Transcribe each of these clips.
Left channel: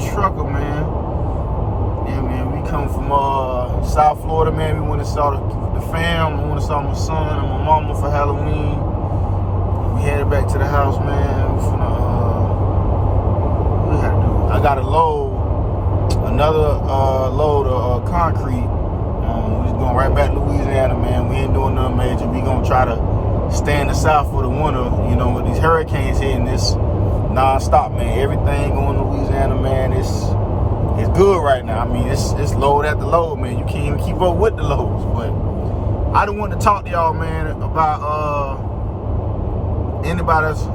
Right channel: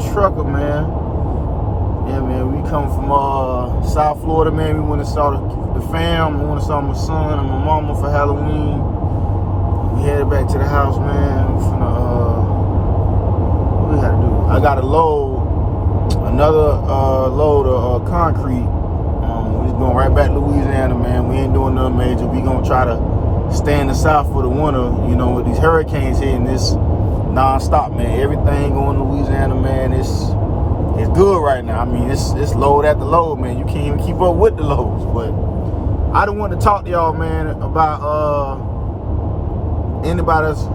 trucker, man. Yeah, man, we come from South Florida, man. We went and saw the fam. We went and saw my son and my mama for Halloween. We headed back to the house, man. We finna, what we gotta do? I gotta load another load of concrete. We just going right back to Louisiana, man. We ain't doing nothing major. We gonna try to stay in the South for the winter. You know, with these hurricanes hitting this non-stop, man. Everything going to Louisiana, man. It's good right now. I mean, it's load after load, man. You can't even keep up with the loads. But I don't want to talk to y'all, man, about anybody that's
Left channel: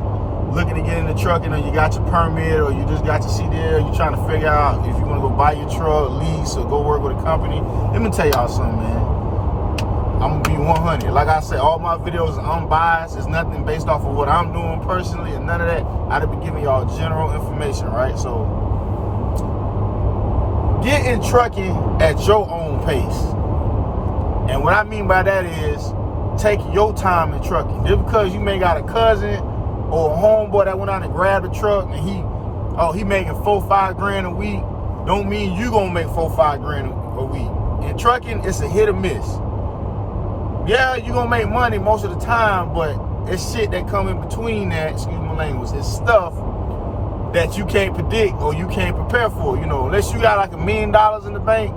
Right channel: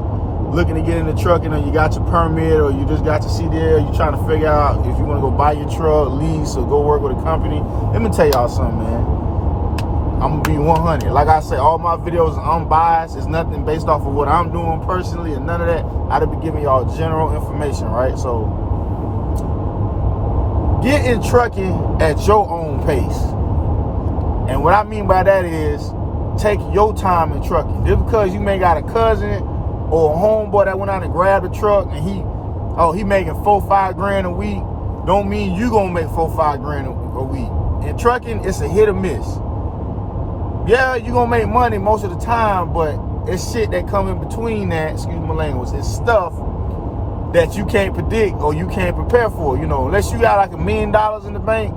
looking to get in the trucking, or you got your permit, or you just got your CDL, you trying to figure out if you want to go buy your truck, lease, or go work with a company. Let me tell y'all something, man. I'm gonna be 100. Like I say, all my videos are unbiased. It's nothing based off of what I'm doing personally and none of that. I'd be giving y'all general information, right? So get in trucking at your own pace. And what I mean by that is take your time in trucking. Just because you may got a cousin or a homeboy that went out and grabbed a truck and he making $4-5 grand a week, don't mean you gonna make $4-5 grand a week. In trucking, it's a hit or miss. Yeah, you gonna make money most of the time, but it's shit that come in between that, excuse my language, it's stuff that you can't predict or you can't prepare for. You know, unless you got like $1 million in the bank,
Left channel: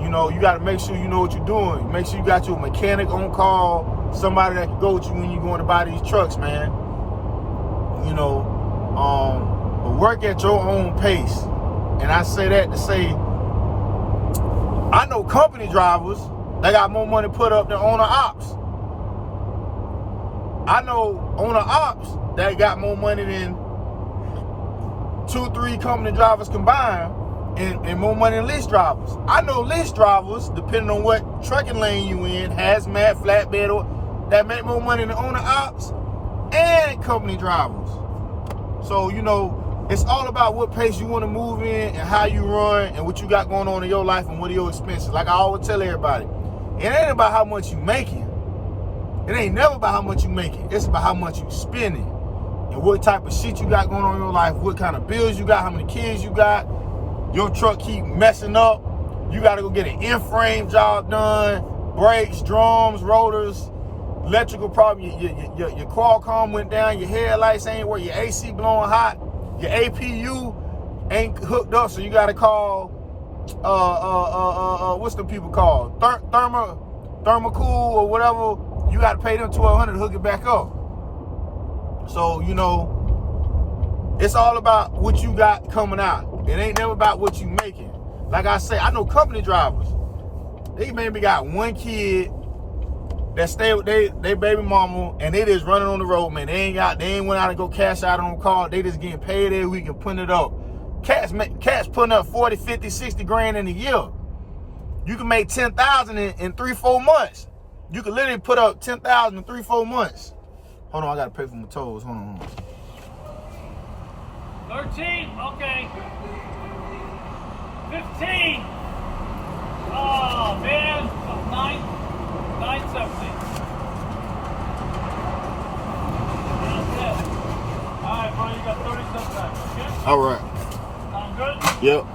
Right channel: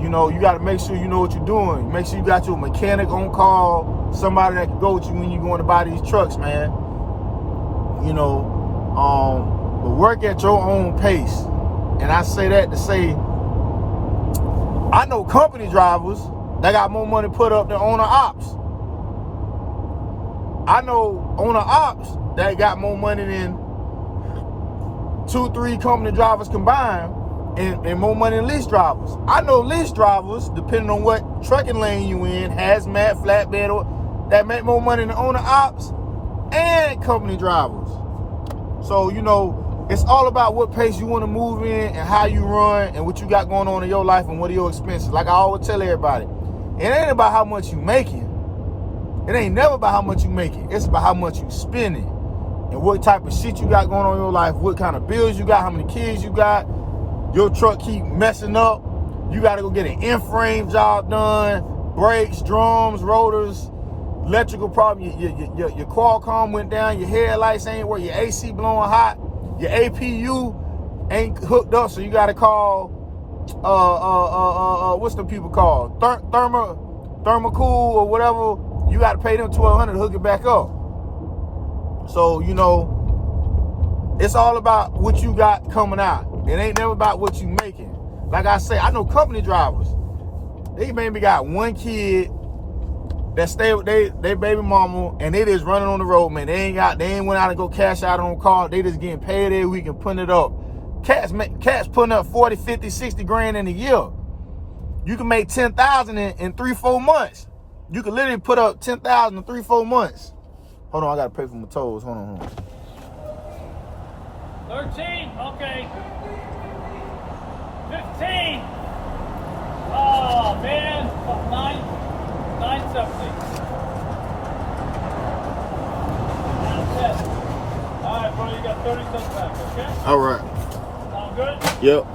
you know, you gotta make sure you know what you're doing. Make sure you got your mechanic on call, somebody that can go with you when you're going to buy these trucks, man. You know, but work at your own pace. And I say that to say, I know company drivers that got more money put up than owner ops. I know owner ops that got more money than 2-3 company drivers combined, and more money than lease drivers. I know lease drivers, depending on what trucking lane you in, hazmat, flatbed, or that make more money than owner ops and company drivers. So, you know, it's all about what pace you want to move in and how you run and what you got going on in your life and what are your expenses. Like I always tell everybody, it ain't about how much you making. It ain't never about how much you making. It's about how much you spending and what type of shit you got going on in your life, what kind of bills you got, how many kids you got. Your truck keep messing up. You got to go get an in-frame job done, brakes, drums, rotors, electrical problem. Your Qualcomm went down, your headlights ain't working, your AC blowing hot, your APU ain't hooked up, so you got to call, what's the people called? Thermocool or whatever. You got to pay them $1,200 to hook it back up. So, you know, it's all about what you got coming out. It ain't never about what you making. Like I say, I know company drivers. They maybe got one kid that stay with they baby mama, and they just running on the road, man. They ain't went out and go cash out on car. They just getting paid every week and putting it up. Cats putting up 40, 50, 60 grand in a year. You can make 10,000 in 3-4 months. You can literally put up 10,000 in 3-4 months. Hold on, I gotta pay for my tolls. Hold on. 13, okay. 15. Oh man, 970. All right, bro, you got 30 cents back, okay? All right. Sound good? Yep.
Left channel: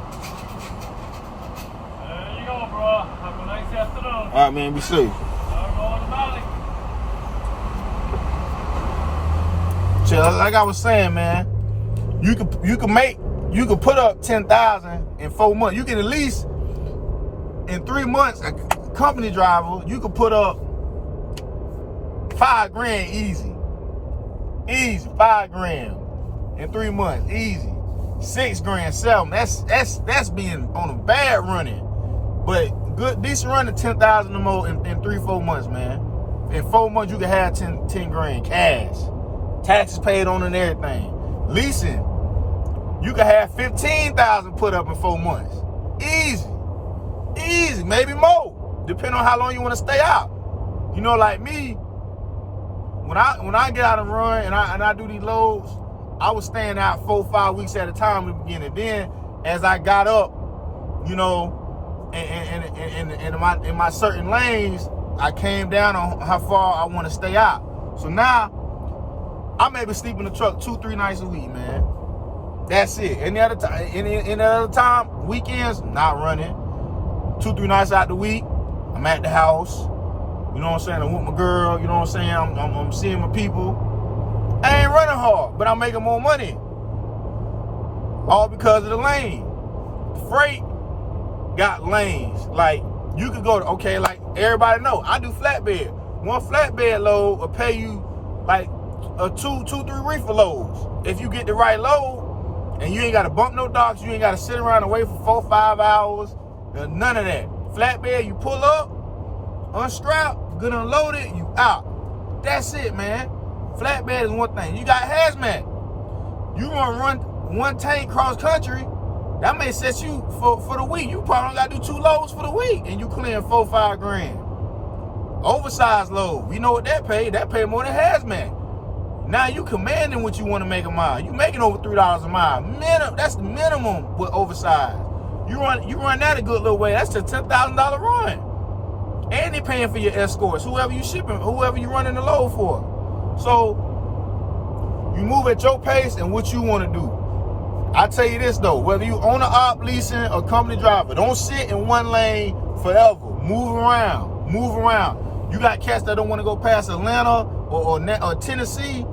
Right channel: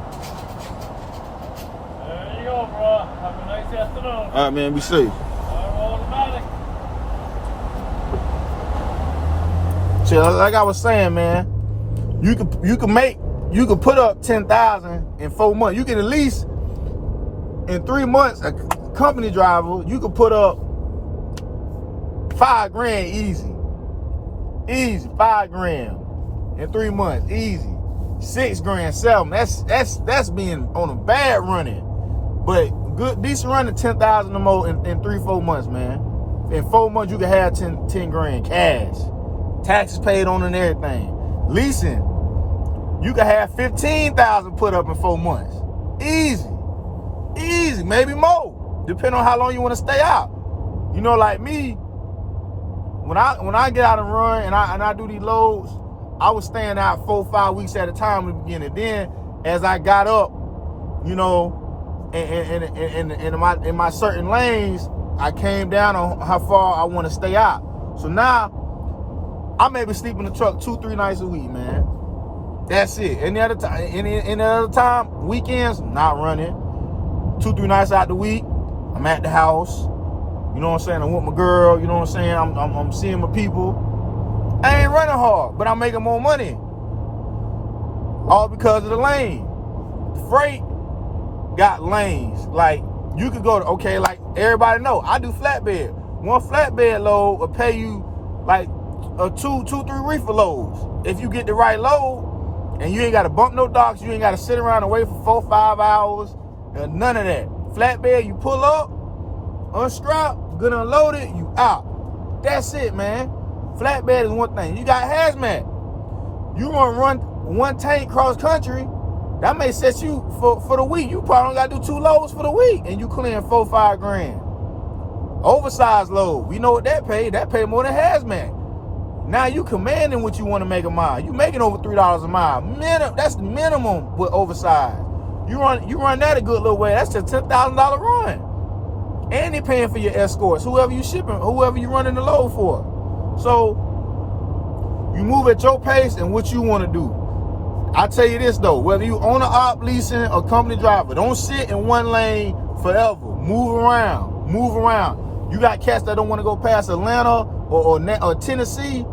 There you go, bro. Have a nice afternoon. All right, man. Be safe. So, like I was saying, man, you can put up 10,000 in 4 months. You can at least in 3 months, a company driver, you can put up $5 grand easy. Easy, $5 grand in 3 months, easy. $6 grand, $7. That's being on a bad running, but good, decent running 10,000 or more in 3-4 months, man. In 4 months, you can have 10 grand cash. Taxes paid on and everything. Leasing, you can have 15,000 put up in 4 months. Easy, maybe more, depending on how long you want to stay out. You know, like me, when I get out and run and I do these loads, I was staying out 4-5 weeks at a time in the beginning. Then, as I got up, you know, in my certain lanes, I came down on how far I want to stay out. So now, I maybe sleep in the truck 2-3 nights a week, man. That's it. Any other time, weekends, not running. 2-3 nights out the week, I'm at the house. You know what I'm saying? I'm with my girl. You know what I'm saying? I'm seeing my people. I ain't running hard, but I'm making more money. All because of the lane. Freight got lanes. Like, you could go to, okay, like everybody know, I do flatbed. One flatbed load will pay you like a 2-3 reefer loads. If you get the right load, and you ain't got to bump no docks, you ain't got to sit around and wait for 4-5 hours, none of that. Flatbed, you pull up, unstrap, good unloaded, you out. That's it, man. Flatbed is one thing. You got hazmat. You want to run one tank cross country, that may set you for the week. You probably got to do 2 loads for the week, and you clearing 4-5 grand. Oversized load, we know what that pay. That pay more than hazmat. Now you commanding what you want to make a mile. You making over $3 a mile. That's the minimum with oversized. You run that a good little way. That's a $10,000 run. And they paying for your escorts, whoever you shipping, whoever you running the load for. So you move at your pace and what you want to do. I tell you this though, whether you own an op, leasing, or company driver, don't sit in one lane forever. Move around. Move around. You got cats that don't want to go past Atlanta or Tennessee.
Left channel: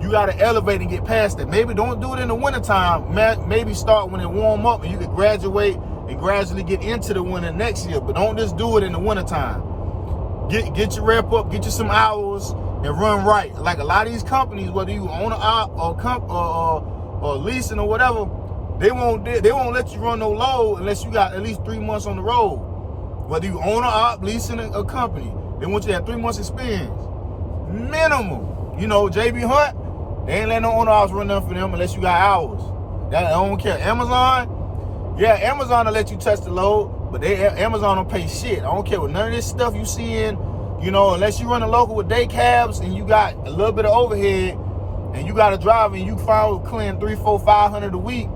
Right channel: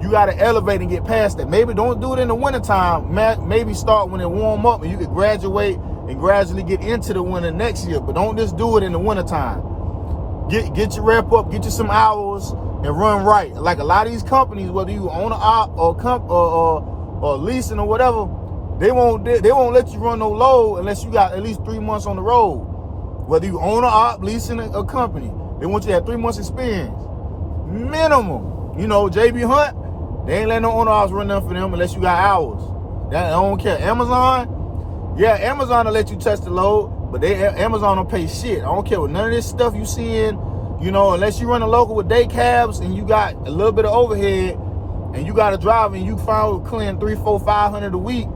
You got to elevate and get past that. Maybe don't do it in the wintertime. Maybe start when it warm up and you can graduate and gradually get into the winter next year. But don't just do it in the wintertime. Get your rep up, get you some hours, and run right. Like a lot of these companies, whether you own an op or leasing or whatever, they won't let you run no load unless you got at least 3 months on the road. Whether you own an op, leasing a company, they want you to have 3 months experience. Minimum. You know, JB Hunt, they ain't letting no owner ops run nothing for them unless you got hours. I don't care. Amazon, yeah, Amazon will let you touch the load, but Amazon don't pay shit. I don't care what none of this stuff you seeing, you know, unless you run a local with day cabs and you got a little bit of overhead and you got a driver and you found clearing 300, 400, 500 a week.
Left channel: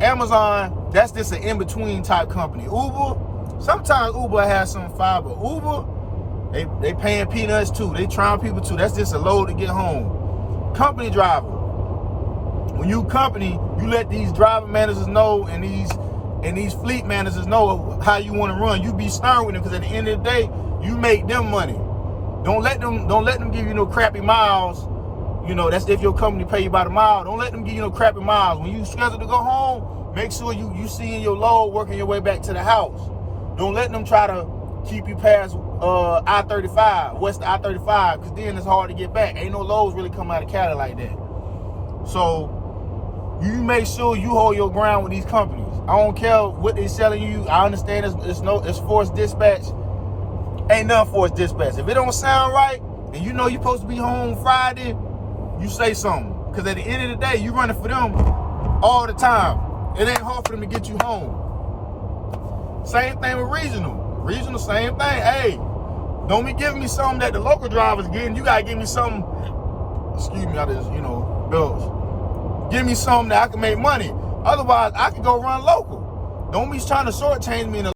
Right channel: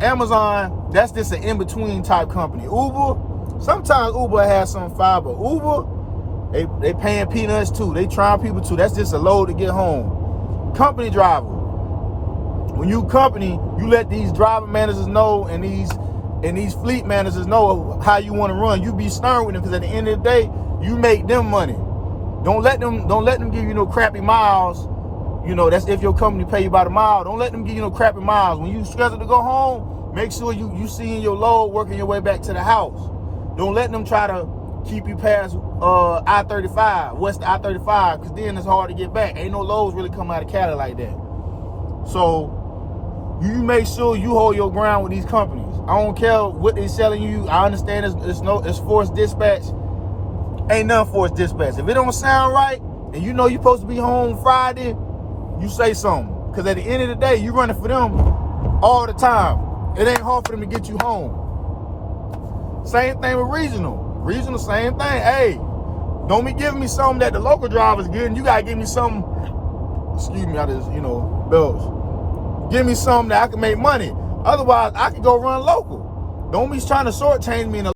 Amazon, that's just an in-between type company. Uber, sometimes Uber has some fire, but Uber, they paying peanuts too. They trying people too. That's just a load to get home. Company driver. When you company, you let these driver managers know and these fleet managers know how you want to run. You be stern with them because at the end of the day, you make them money. Don't let them give you no crappy miles. You know, that's if your company pay you by the mile. Don't let them give you no crappy miles. When you schedule to go home, make sure you seeing your load working your way back to the house. Don't let them try to keep you past I-35, west I-35, because then it's hard to get back. Ain't no loads really come out of Cali like that. So you make sure you hold your ground with these companies. I don't care what they selling you. I understand it's forced dispatch. Ain't nothing forced dispatch. If it don't sound right and you know you're supposed to be home Friday, you say something. Because at the end of the day, you running for them all the time. It ain't hard for them to get you home. Same thing with regional. Regional, same thing. Hey, don't be giving me something that the local driver's getting. You gotta give me something, excuse me, I just, bells. Give me something that I can make money. Otherwise, I can go run local. Don't be trying to shortchange me in a